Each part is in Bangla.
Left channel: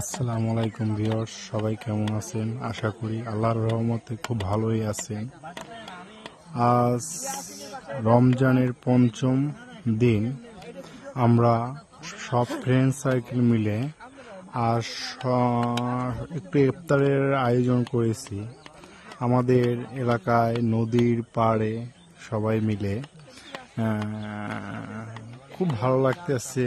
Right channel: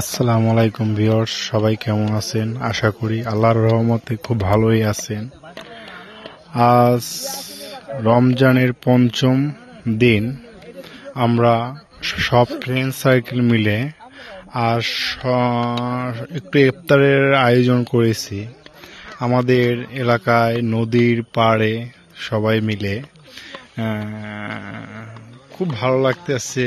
আসসালামু আলাইকুম ভিউয়ার্স, সবাই কেমন আছেন? আশা করি আল্লাহর রহমতে খুব ভালোই আছেন। আজ রমজানের পঞ্চম দিন। আমরা সব ফ্রেন্ড সার্কেল মিলে আজ একটু ইফতারের আয়োজন করেছি আমাদের এলাকায় নদীর পাড়ে সবাই মিলে। খুব ভালো লাগতেছে।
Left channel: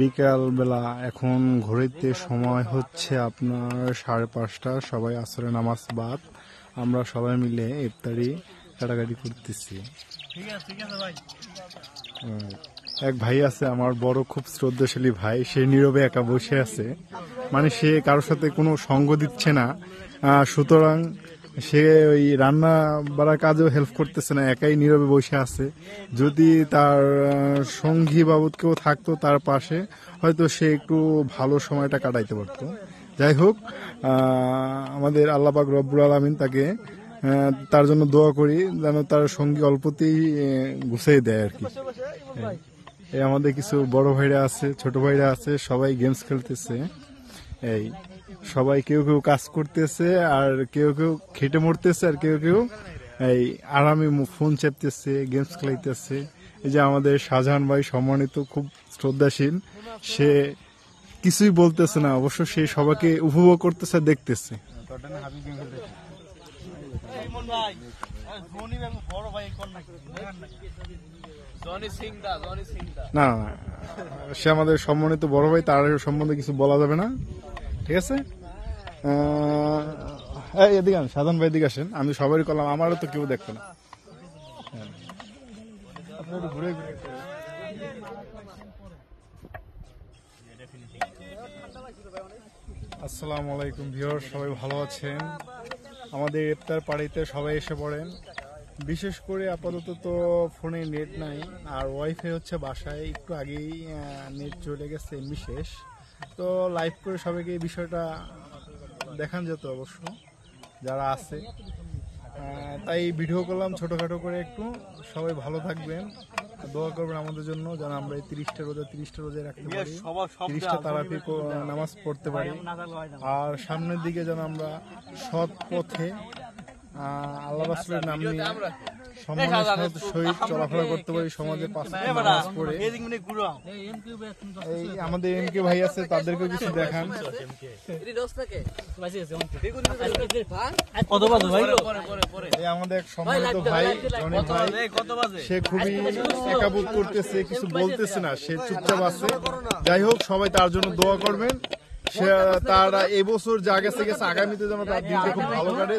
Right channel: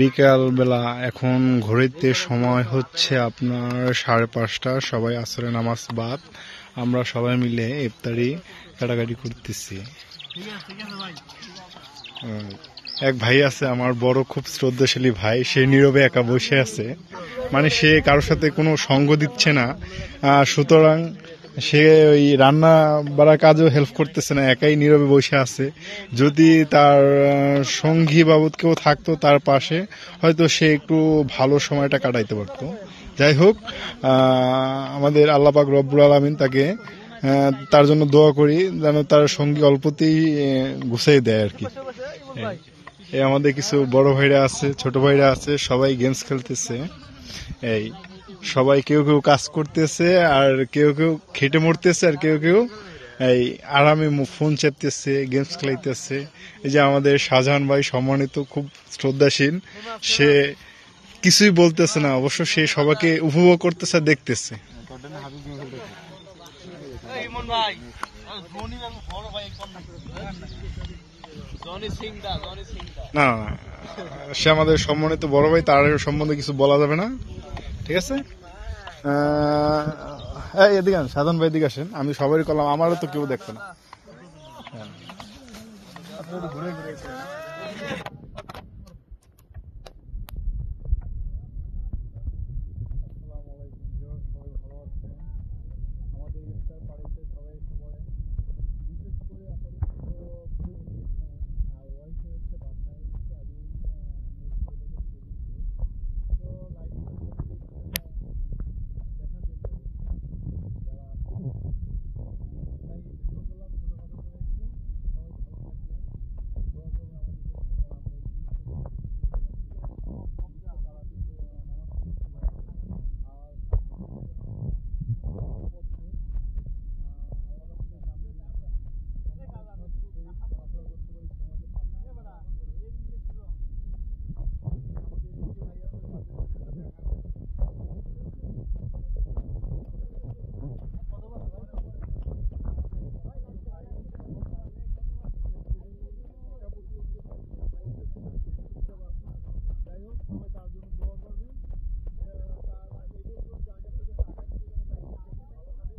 বিকাল বেলা এখন ঘড়িতে সময় হচ্ছে আপনার 5:30। সবাই আসরে নামাজ বাদ আমরা সবাই মিলে ইফতারি কাটাকাটি করতেছি। এক ভাই আছে আমার বড়, খুব শ্রদ্ধাশালী ভাই, সে নীরবে একা বসে আছে, মানে সে কারোর সাথে কোনো সঙ্গ দিচ্ছে না, সুতরাং সে ওই রান্না বাড়ার কাজেও হেল্প করতেছে না, একাই নীরবে বসে আছে। যদি তার সঙ্গী বাবদ কেউ থাকতো তার পাশে, হয়তো সে একটু ভালো সময়টা কাটাইতে পারতো। যাই হোক, আমাদের আল্লাহ পাক রব্বুল আলামিন তাকে তার জন্য দোয়া করি যেন তার সঙ্গী অল্পতেই গুছিয়ে দেয় আর কি। এই আমাদের কিছু বড় ভাইরা আছে, ছোট ভাইরা আছে, সবাই গেমস খেলতেছে। এই সবাই কেউ কেউ কাজ করতেছে, আর কেউ কেউ খেটে মরতেছে, আর কেউ কেউ এই আরামে ফোন চেপতেছে, গেমস খেলাইতেছে। এই যে আমাদের শাহজাহান ভাই, সম্মানিত, খুব শ্রদ্ধাশীল, সে কিছুই বলতেছে না, অবশ্য সে সবাইকে উপভোগ করতেছে, দেখতেছে। না, সে আমাদের সম্মানিত বড় ভাই, তার সম্বন্ধে কিছু বলা যাবে না, ঠিক আছে? এদিকে আসেন, সাধারণ ভাই এদিকে আসেন। আমি সবারই করলাম, আমারও তো কেউ দেখবে না। আসসালামু আলাইকুম ভিউয়ার্স, সবাই ভালো আছেন? আমাদের ইফতার পার্টিতে সবাই এসে পড়েন। বিশেষ করে আপাতত তো ফোনে নেট নাই, আর ওয়াইফাই হচ্ছে বাসায়, একটু আগেই নেট চলে গেছে বিশেষ। তো লাইভ করে সবাইকে এই বিষয়টা দেখান যেত অবশ্য যারা আছে, তাই ভিডিও করলাম ছোটোখাটো করে একটু। সবাই ভালো থাকবেন, দোয়া করবেন আমাদের জন্য যেন আমরা এই 30টা রোজা রাখতে পারি, 30টা তারাবি নামাজ পড়তে পারি, আর সামনের দিকে যেন আমরা সৎ পথে আল্লাহ রাসূলের নাম নিয়ে সম্মানের সহিত চলাফেরা করতে পারি, সমাজে 5 ওয়াক্ত নামাজ পড়ে। এই আমাদের এমকে ভাই আছে, তাদেরকে কিছু দেখান। আমাদের এক সম্মানিত ভাই জনি ভাই, সে খুবই একাবোধ করতেছে, কিছু বলতেছে না, সে চুপচাপ আছে। যাই হোক, সবাই তার জন্য দোয়া করবেন। সে তার এবছর যা গেছে গেছে, আগামীতে যেন তার দিনটা খুব ভালো কাটে,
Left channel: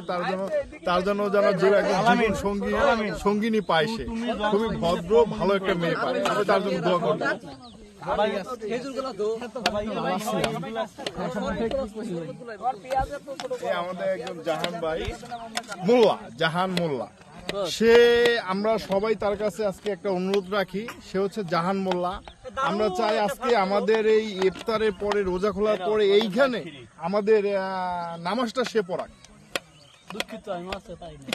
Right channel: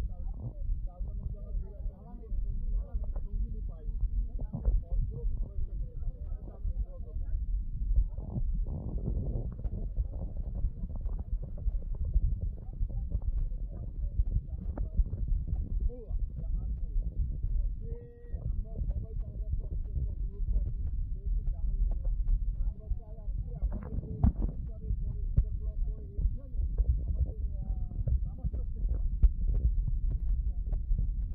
তার জন্য যেন যে জীবন সঙ্গিনী পায়, সে খুবই ভদ্র ভালো একটা মেয়ে পায়, সবাই তার জন্য দোয়া করবেন। আমাদের একজন জাহান ভাই জাহান মোল্লা, সে আমরা সবাই তার কাছে আজকে একটা অনুরোধ রাখি, সে হচ্ছে জাহান মোল্লা। আমরা চাই আজকে আমাদের এই ইফতারের পরে, রোজা খোলার পরে এইখানে আমাদের নামাজটা সে পড়াক। দুঃখিত আমি আছে তাই না।